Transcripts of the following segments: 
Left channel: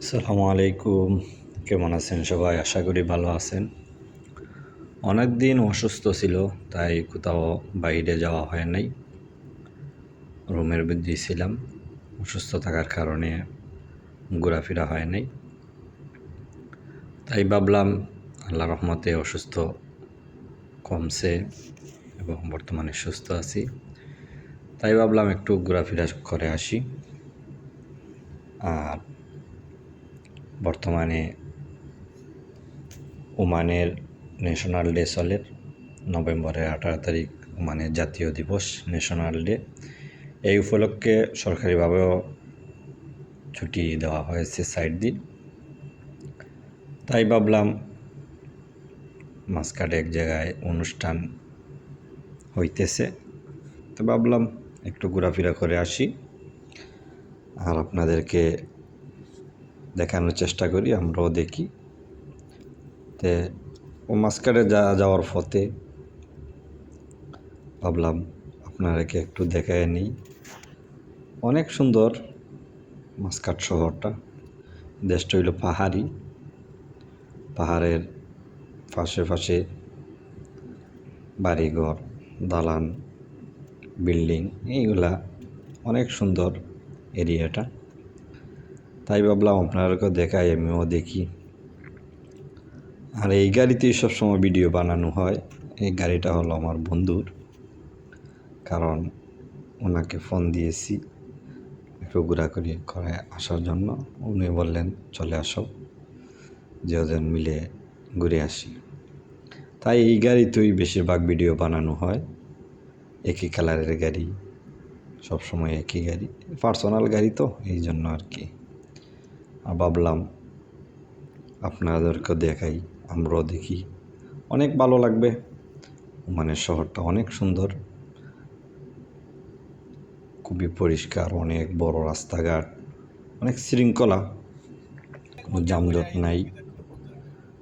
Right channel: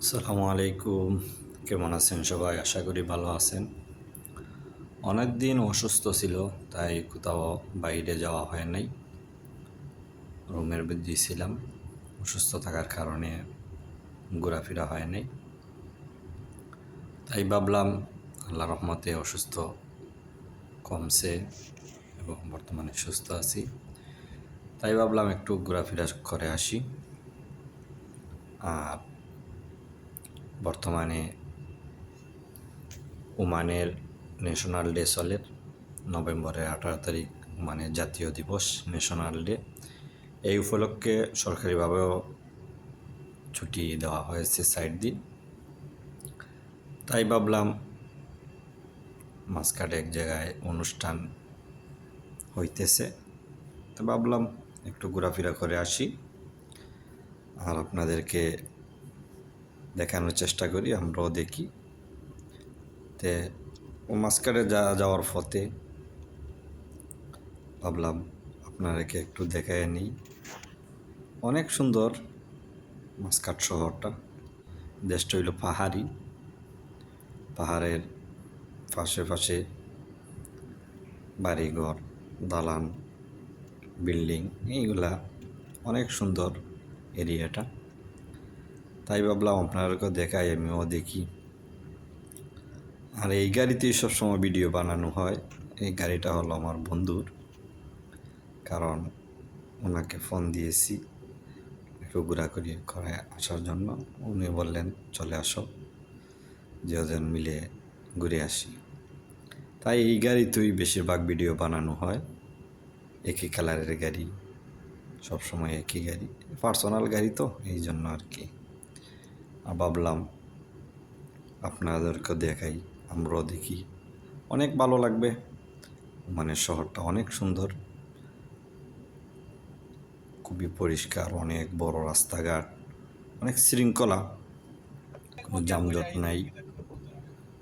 আসসালামু আলাইকুম। কেমন আছেন সবাই? আশা করি ভালো আছেন। অনেক দিন অসুস্থ ছিল, তাই কোথাও বাইরে যাওয়া হয় নাই। রুমের মধ্যেই ছিলাম। অসুস্থ থাকার কারণে ঘোরাফেরা হয় নাই। তাই ভাবলাম আল্লাহর রহমতে অসুস্থ কমছে এবং বর্তমানে সুস্থ আছি। তাই ভাবলাম একটু ঘোরাফেরা করে আসি। আর বর্তমানে ওমানের ন্যাশনাল ডে চলে। নভেম্বরের 18 তারিখ ওমানের জাতীয় দিবস, ন্যাশনাল ডে। এই উপলক্ষে সরকারিভাবেও ছুটি দেওয়া হয়েছে 4 দিন। তাই ভাবলাম মাসকাটে এক জায়গায় অনুষ্ঠান হইতেছে, তো ভাবলাম একটু ঘোরাফেরা করে আসি আর আপনাদেরকে দেখানোর চেষ্টা করি, আমরাও দেখি। তে ও মাসকাটে যাওয়ার পথে ভাবলাম আপনাদেরকে একটু দেখায় নিই। অনেক সুন্দর মাসকাট শহরটা। দেশটা হইল পাহাড়ি, পাহাড়ের পাশে পাশে বাড়িঘর, দালান, বিল্ডিং, এইগুলা অনেক সুন্দর এরিয়াটা। তাই ভাবলাম আপনাদেরকেও দেখাই, আমিও দেখি। আর এই গাড়িতেই সবসময় ভিডিও বানানো হয়। এই গাড়িটা হলো আমার বন্ধুর, কারণ ওনাকে ফোন দিয়েছি একটু ঘোরাঘুরি করে আসার জন্য। উনি বললেন চলে আসো, যেজন মিলে ঘুরে আসি। তাই এই গাড়িতেই বেশিরভাগ ভিডিও বানানো হয়। একই কালারের গাড়ি, সবসময় একই গাড়ি, পার্সোনাল গাড়ি তো, এই জন্য আর কি। আর ভাবলাম আপনাদেরকে দেখাই, আমরাও দেখি, অনেক ভালো লাগবে। মানে শহরটা অনেক সুন্দর, খুবই পরিষ্কার, অনেক বড় রাস্তাঘাট, অনেক শৃঙ্খলা, কোনো যানজট নাই,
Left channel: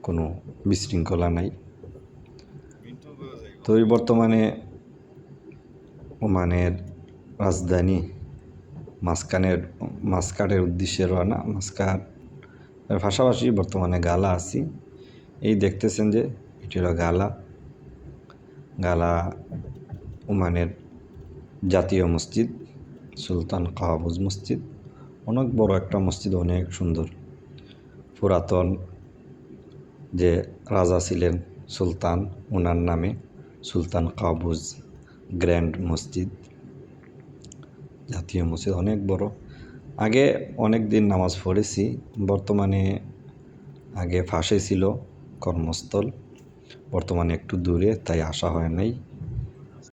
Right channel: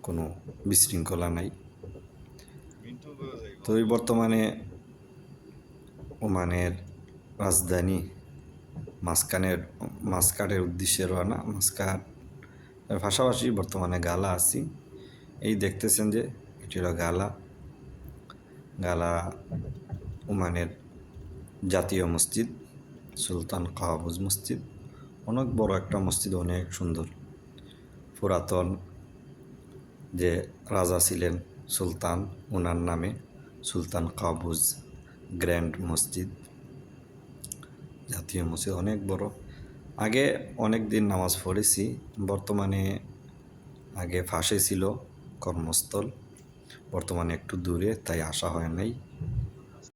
কোনো বিশৃঙ্খলা নাই। তো এই বর্তমানে ওমানের রাজধানী মাসকাটের উদ্দেশ্যে রওনা। মাসকাটের পাশাপাশি বর্তমানে গালা আছি। এই দেখতেছেন যে এটি হলো গালা ওমানের জাতীয় মসজিদ, সুলতান কাবুজ মসজিদ। অনেক বড় একটা মসজিদ, অনেক সুন্দর। পুরাতন যে রাজা ছিলেন সুলতান, ওনার নামে সুলতান কাবুজ গ্র্যান্ড মসজিদ, জাতীয় মসজিদ, অনেক বড়। আগে অনেক দিন নামাজ পড়েছি। বর্তমানে আগে ফাঁসে ছিল কর্মস্থল, বর্তমানে একটু দূরে, তাই আসা হয় নাই।